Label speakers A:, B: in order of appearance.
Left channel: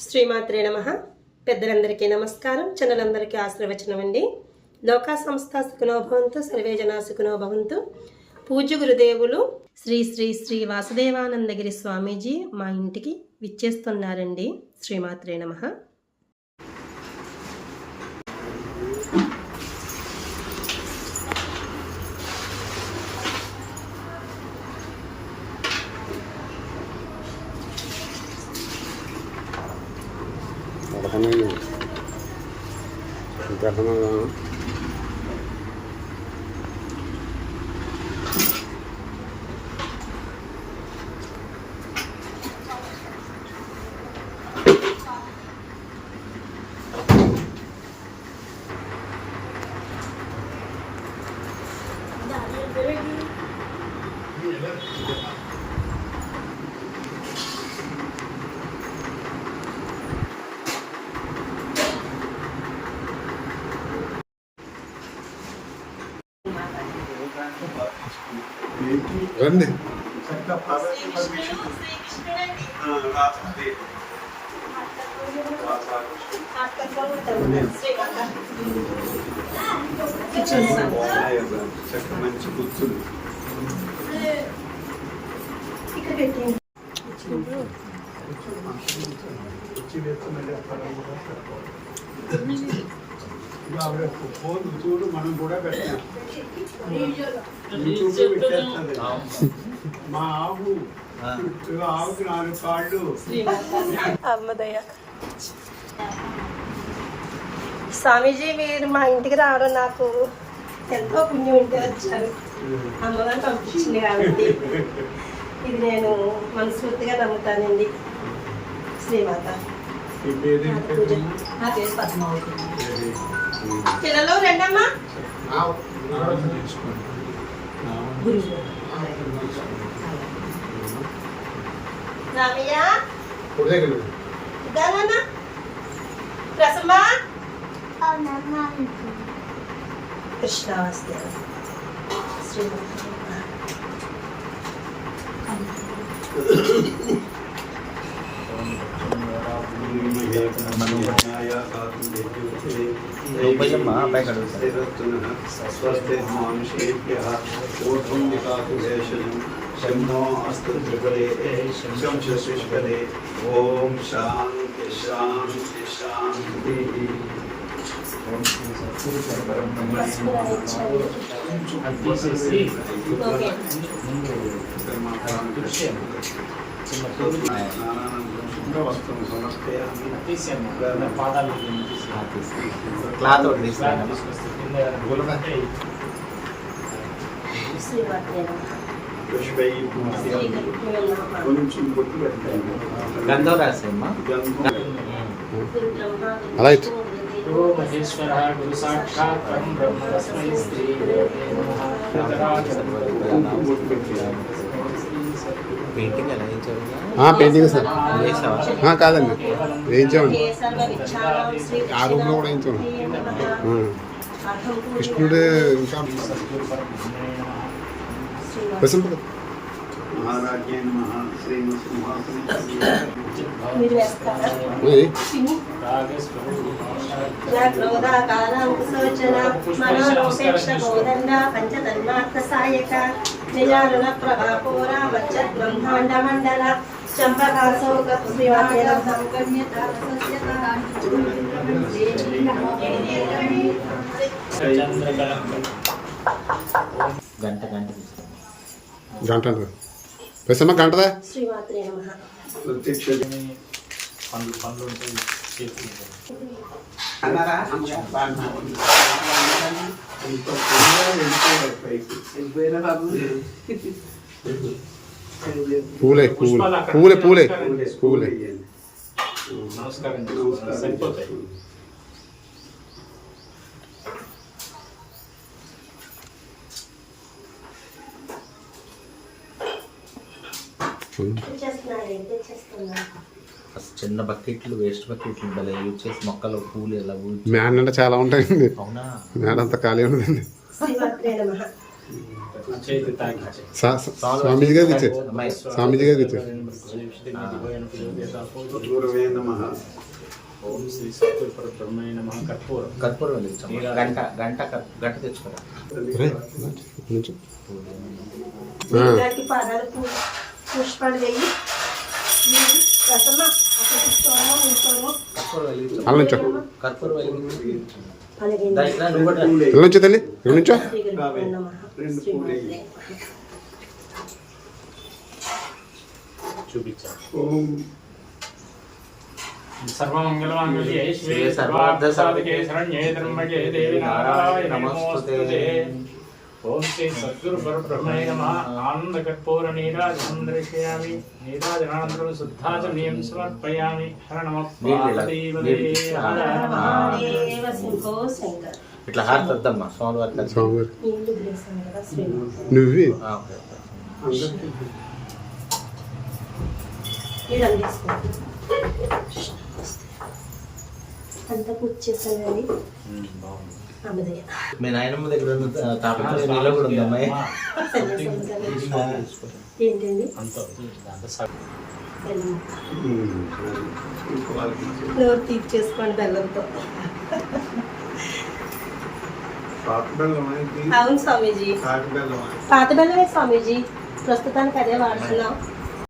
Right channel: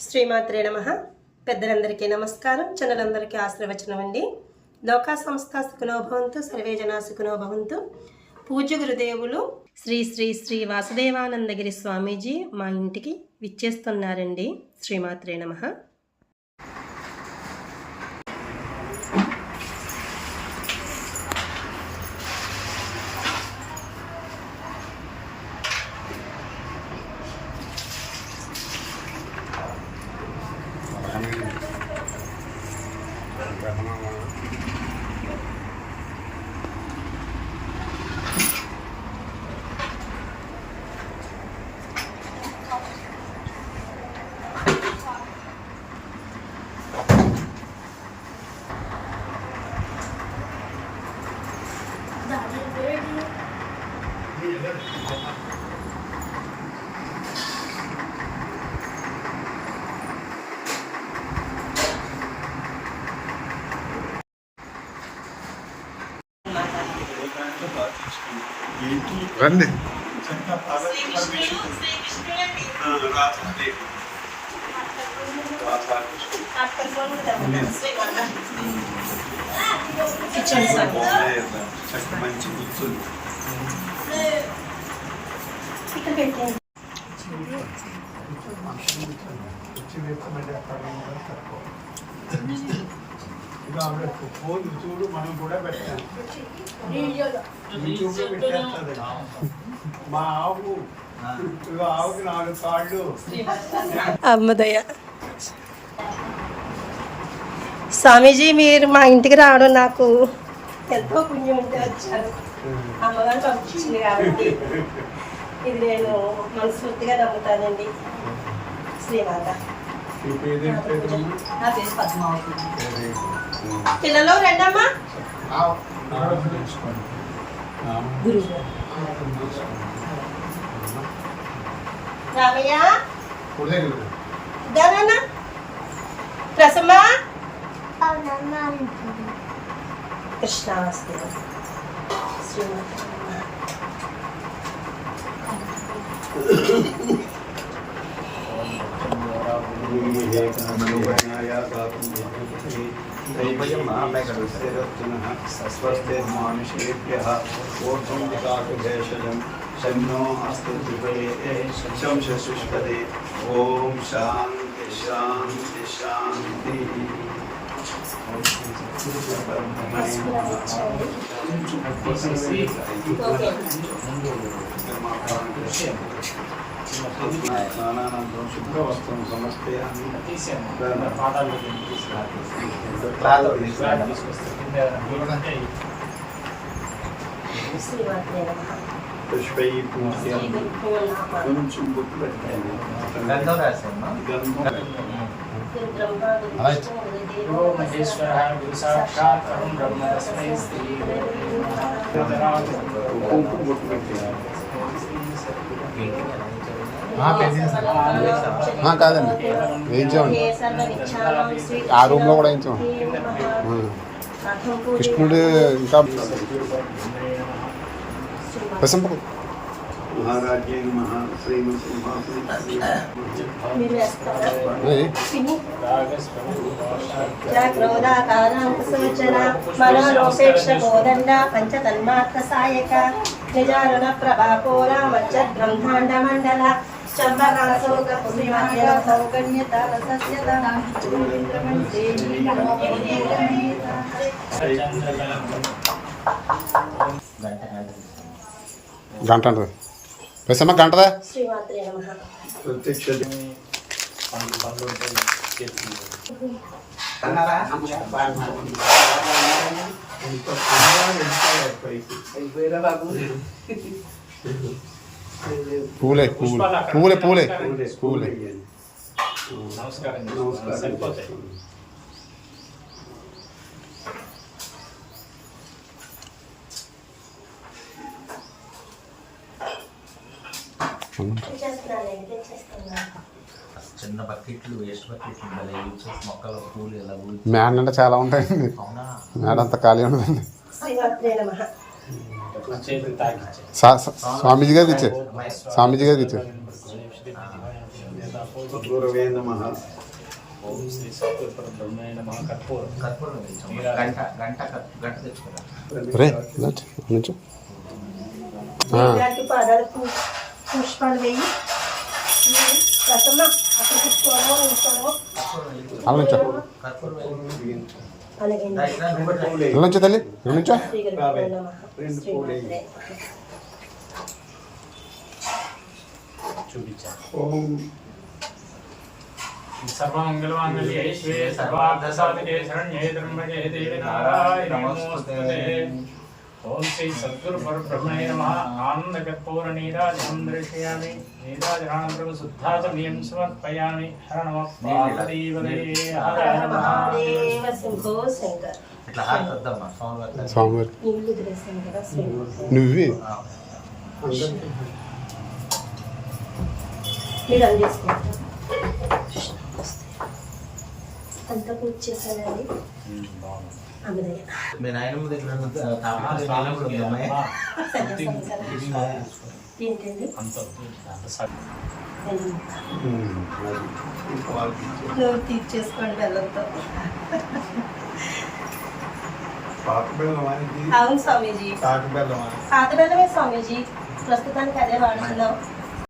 A: శ్రీమాత్రే నమ. పెద్దలందరికీ నమస్కారం. చిన్నలందరికీ ఆశీర్వచనం అండి లోకా సంస్థ సుఖనోభవంతు సర్వే జనా సుఖనోభవంతు. పూజ్య గురుదేవులు శ్రీ శ్రీ శ్రీ వాసుదేవానందగిరి స్వామీజీ మా ఇంటికి విచ్చేస్తున్నారండి. శ్రీమాత్రే నమ.
B: 그
A: Yeah, that's
B: రండి మంచి
A: గుర్తుంది
B: వచ్చి వేసుకునే ఇంకా ఆవిడ ఫోన్ చూడు మనం కూడా పెట్టాం యూట్యూబ్లో పెట్టేస్తుంది మా ఆవు ఆవుకి నాలుగు కాళ్ళు
A: అమ్మదయ్య. స్వామీజీ మీరు మా ఇంటికి రావడం నాకు ఎంతో పుణ్యం ఉంటే వచ్చారు. అమ్మగారు పంపించింది కాబట్టి ఇది నేను మనస్ఫూర్తిగా నమ్ముతానండి. శ్రీమాత. పిల్లలు రెండమ్మా రామయ్య దానా రసమ్మా కృష్ణావస్తు శ్రీమతి
B: स्वस्तिर्मानुषेभ्यः ऊर्ध्वं निकातु भेषजं शम्नो अस्तु त्रिपदे शं शशिष्पदे ॐ शान्ति शान्ति शान्तिः స్నానానంతరం శుభ్రవస్త్రం
C: తీసుకురా.
B: కొంచెం
C: గంధం
B: గంధం
D: సాక్షాత్ బ్రహ్మ
C: పెయింటింగ్
E: సార్. ఆ, కాదండి. వేయించామండి ఆ రూమ్లో కూడా వేయించామండి. కృష్ణుడు ఇంకా ప్రశంప
B: మహారాజ్యే నమః శ్రీమసింహాసని
A: మీరు వేస్తారా?
E: అది
A: తిని. క్రోధాకారాంకుశోచన మనోరోపేక్ష కోదండ పంచతన్మాత్ర సాయక చంపకాశోక పుష్పకేర సౌకన్యత
C: గంట
E: గంటదా
A: శ్రీమాత్రే నమః
B: ప్రత్యక్ష
D: పండ్లు పండ్లు ఉంటాయి చేతులు
E: పూలే పూలే. పూలే పూలే. పూలే
D: నమస్కారం.
B: నమస్కారం.
C: చిన్న బకెట్లు వేస్ట్ బకెట్లు ఉండాలి. యూజ్ చేసి మొక్కలు పూలు ఇలా
E: మేడ అంటే చాలా ఉంటాయండి మేడ అంతా ఖాళీ ఉండదండి. స్వామీజీ గారికి ఇచ్చే. స్వామీజీ గారికి ఇచ్చే.
B: గురువే నమః
D: ఓం శ్రీ సత్యపుర బ్రహ్మణ్య నమ కర్పూరం
C: కర్పూరం వెలిగించాం గంట
A: పుష్పాలు వేయి. రసమ్మ అక్కడ కూర్చోవడం కూర్చోవడం
C: కర్పూరం వెలిగించాం
E: అలా నుంచో.
C: కర్పూరం వెలిగించాం
A: అలాగే
C: దా ఇక్కడ నిలబడి.
B: పూలే
E: ఇక్కడ నుంచో తల్లి నుంచో
D: సర్వార్థసాధికే శరణ్యే దేవి నారాయణి నమోస్తుతే ఓం శ్రీ సద్గురు పరబ్రహ్మణే నమః ఆనంద కర్పూర నీరాజనం దర్శయామి నీరాజనానంతరం శుద్ధాచమనీయం సమర్పయామి హర నమ
C: ఇట్లా స్వామివారి
E: స్వామివారి నువ్వే?
A: మీరు అది తీసుకోండి. అంతా పూజ చేశానండి
C: మీ నాయనమ్మ దగ్గర.
A: ఏంటండి. నోరు తీర్చేసుకోండి బెల్లంతో. అవును స్వామీజీ. పాత బెల్లమే స్వామీజీ. ప్రస్తుతానికి అదే వాడుతున్నాం.